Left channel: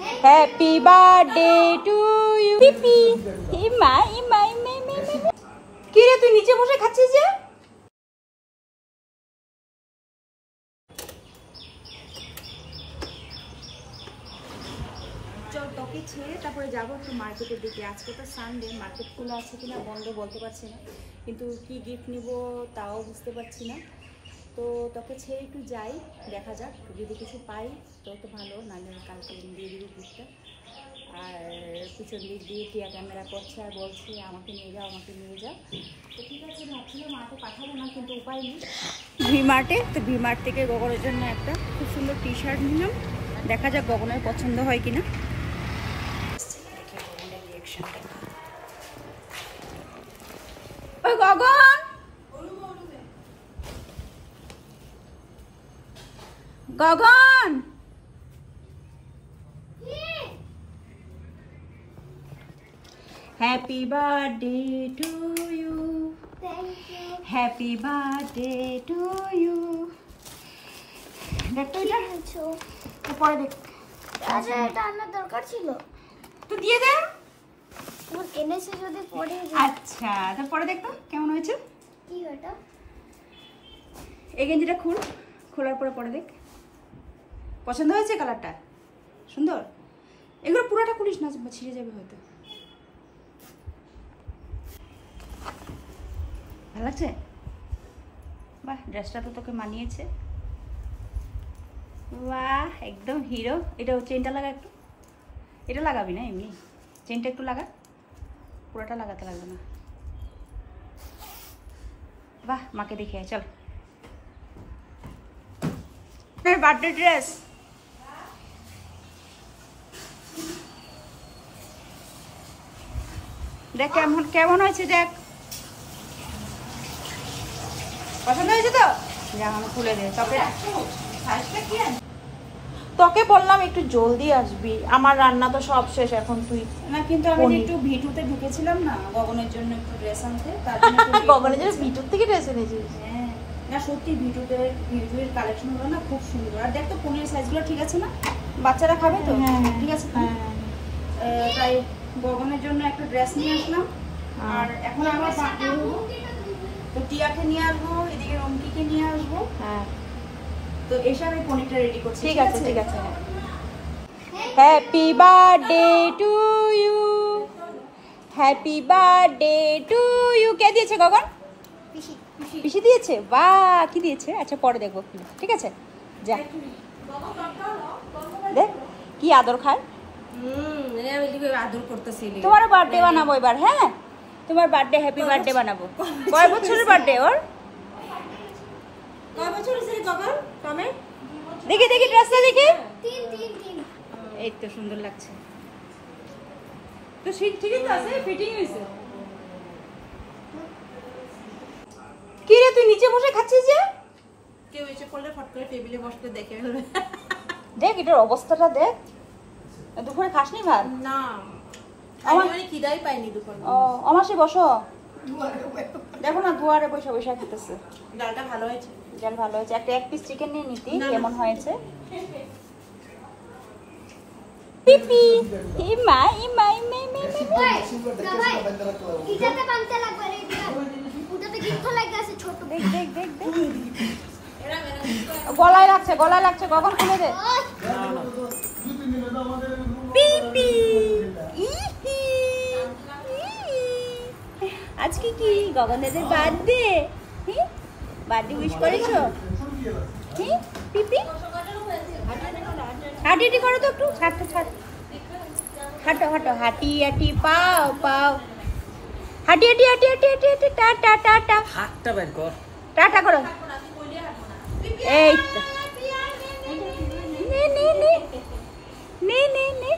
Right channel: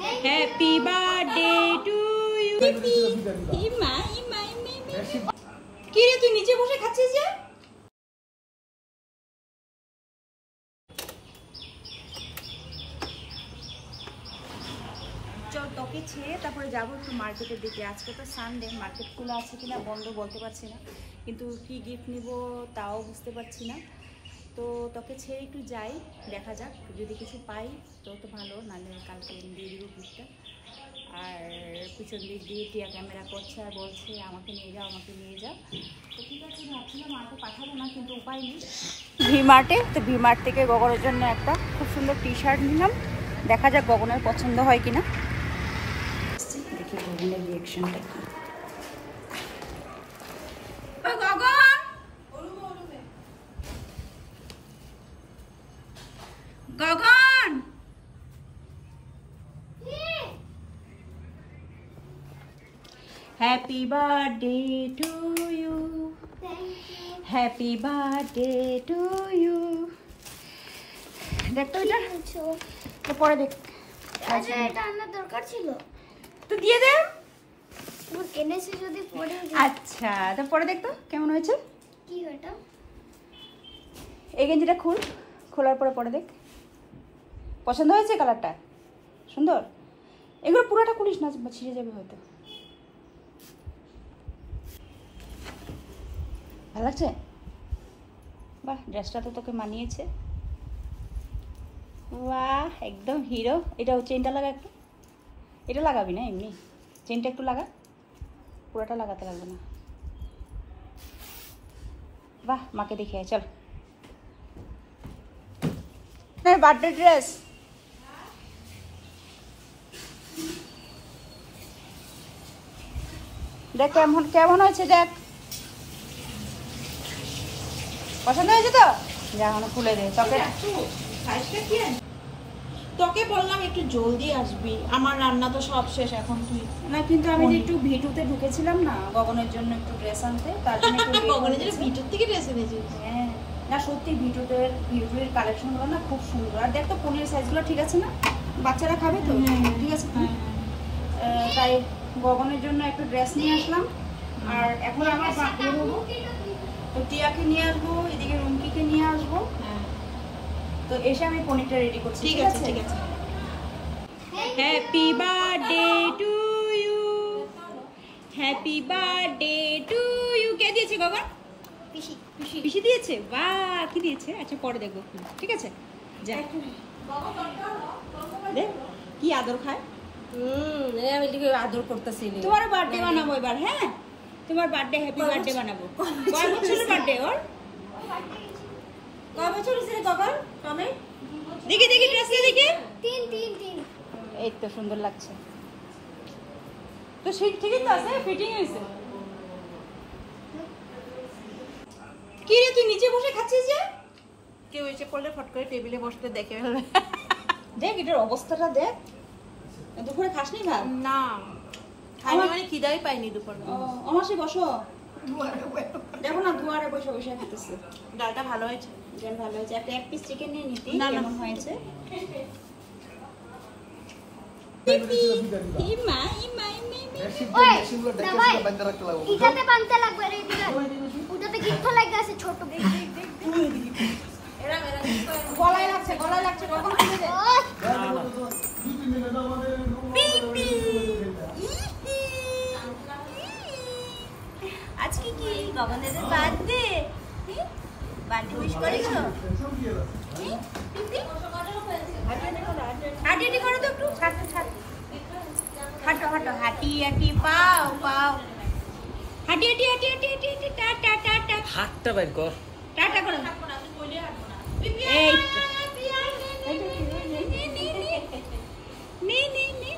Happy birthday to you. পিপি ইমা ইমা ইমা ইমা। কি রে তুই নিচে বসে খাচ্ছিস যে? চল তোকে ছেড়ে তারপরে যাবো একটু মার্কেটের দিকে। আজকে তো সানডে, মার্কেট খোলা আছে কিনা বন্ধ বলতে পারছি না, কিন্তু কি গিফট নিব তাও বুঝতে পারছি না। তো তোকে ছেড়ে একটু যাই, দেখা যাক যদি কিছু পাই তো তো ভালো, নাহলে কালকে দিয়ে দিব গিফটটা। আর পিছন দিক দিয়ে টিয়া ক্যামেরা করছে আর বলছে আমাকে নিয়ে যাও আমাকে নিয়ে যাও। তো ঠিক আছে, ভাবছিলাম মাকে পাঠাবো না, কিন্তু উপায় নেই। ভিমার্টে, তো ভিমার্ট থেকে গগনের জন্য একটা খুব সুন্দর টি শার্ট নিলাম, দেখা যাক গগনের পছন্দ হয় কিনা। দেখি গগনের রিঅ্যাকশনটা কি। ওই Gagan, Gagan happy birthday to you. Happy birthday to you. দেখ তো এটা পরে দেখ। আচ্ছা, এটা আনার দরকার ছিল তো দিয়ে দে। তোমার এনেছে যদি পরে। আচ্ছা তো পরে দেখ তো কেমন হয়েছে। কি এটা? এই গেঞ্জিটা খুল, খোলার পরে পরে দেখ পছন্দ হয়েছে, কালারটা সুন্দর। এগুলো পুরোটা খুলিস না, ছিঁড়ে যাবে হয়তো। ভালো লাগছে? বাহ, ড্রেসটা তো তোকে মানিয়েছে। বাহ, একদম হিরো। এটা চেনটা লাগা একটু, এটা লাগাবি না এমনি, চেনটা একটু লাগা, পুরোটা লাগাতে লাগবে না। বাহ, মাকে দেখে আয় চল। বার্থডে ড্রেস দেখ কেমন কেমন হয়েছে, দেখ পছন্দ হয়েছে তো? খুলে দে। তোকে বললাম একটু জলদি আসবি, আমার রান্না তো সব শেষ এখন। তুই না, কিন্তু আমি একটু ভিটুতে ঢুকেছিলাম না গগনের জন্য একটু ড্রেস আনতে, তার জন্য গগনের জন্য ভিটুর থেকে ড্রেস এনেছিস? হ্যাঁ, না সত্যি ভিটুর কালেকশনগুলো না খুব সুন্দর। আর দেখ তো পনির সাইজগুলো ঠিক আছে না, বাচ্চারা খাবে তো? ঠিক আছে। তাই গগনের জন্য একটা ড্রেস নিয়ে আসলাম। আর এখন আমরা তো টিয়াকে নিয়ে আসবো, এদিকে রুমকিকে নিয়ে আসবো। হ্যাঁ, তো এসে আমি পনিরটা রেডি করছি। ঠিক আছে ঠিক আছে। Happy birthday to you. Happy birthday to you. কে দিয়েছে গগন? পিসি। পিসি দিয়েছে? বাহ, কি দিয়েছে? আচ্ছা পরে দেখবো, ঠিক আছে যা। দেখ কি আদর খায়। আদর করতেছি। তোমার বার্থডে বানাবো এবার। হ্যাঁ, তোমার বার্থডে হ্যাপি বার্থডে বানাবো। কয় বছরের বার্থডে ওর? কয় বছর হয়েছে গগন? কমে দেখি দেখি ড্রেসটা দেখি। 3 এই তো সুন্দর লাগছে তো। ঠিকই তো আছে, ফিটিং হয়েছে। কি রে তুই নিচে বসে খাচ্ছিস যে? কেউ এসে পড়লে ফট করে টেবিলে বসতে দেখে ফেলবে। দেখ এটার অবস্থাটা দেখ। দুপুরে খাসনি ভাত? না, আমি খিদাই পাইনি দুপুরে। ও আমাসে বসো, দেখো না দুয়ারে বসে বসে খেতেছে। ডালটা ভালো হয়েছে। ডাল ভালো হয়েছে। একটা 1 পিস চিকেন নিয়ে নিতি, কেমন হয়েছে? পিপি ইমা ইমা ইমা ইমা। ওই না ভাই, ইটাতে বানতে লাগবে রে। ওটাতে গিফট লাগবে আছে ছোট। বেগ বেগ বেগ গলায় লাগছে, গলায় লাগছে। কখন খুলে দে। পিপি আজকে কি গগনের বার্থডে? বার্থডে উইশ করেছো? পিপি হাঁটি করো তো একটু, হাঁটো হাঁটো হাঁটো, হাঁটি হাঁটি পাও পাও, হাঁটি হাঁটি হাঁটি হাঁটি হাঁটি হাঁটি, টাটা টাটা। হাতটা বের কর, টাটা করো। এই নে নে নে নে নে নে।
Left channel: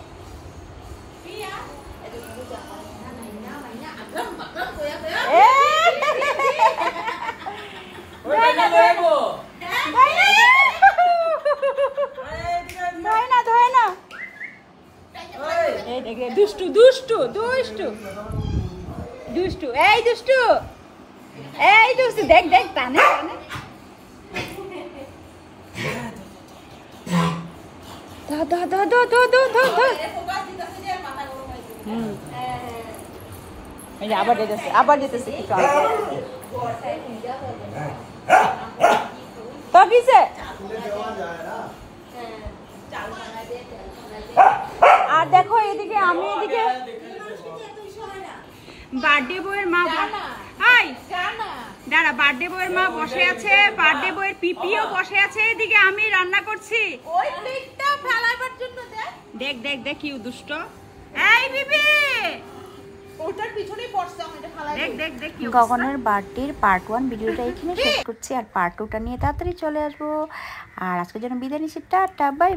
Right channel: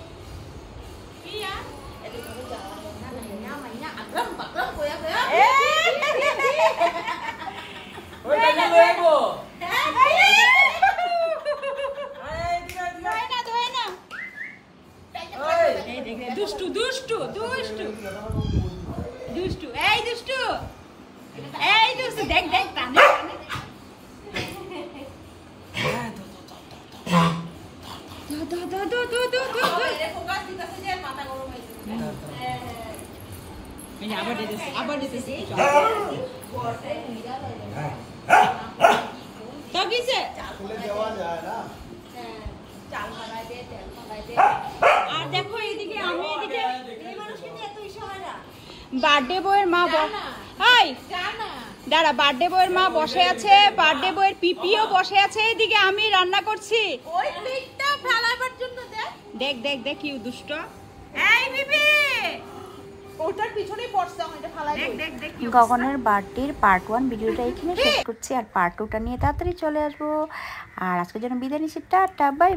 দুষ্টু দুষ্টু দুষ্টু দুষ্টু, এই দুষ্টু, এই দুষ্টু, দেখ দেখ টানে। ধর ধর ধর ধর ধর ধর ধর। এই যে আবার যেতেছে তো কিসে আর দেখো এদিকে আমি এদিকে বার্থডে বয়ের মা দাঁড়া বার্থডে বয়ের মা বসে আছে, বার্থডে বয়ের পিপিও বসে আছে, এদিকে আমি রান্না করছি। ওই প্লেটটা ফেলাবার জন্য দেখ দেখ দেখ কি দুষ্ট। এই বিবি ওটার পিছনেই পড়ছে, আমি এটা ফেলাই দেখ দেখ। গগনের বার্থডের পার্ট 1 ভিডিওটা এখানে শেষ করছি, আর পার্ট 2টা নিয়ে তাড়াতাড়ি চলে আসবো। আর আজকের জন্য বিদায় নিচ্ছি, টাটা বাই।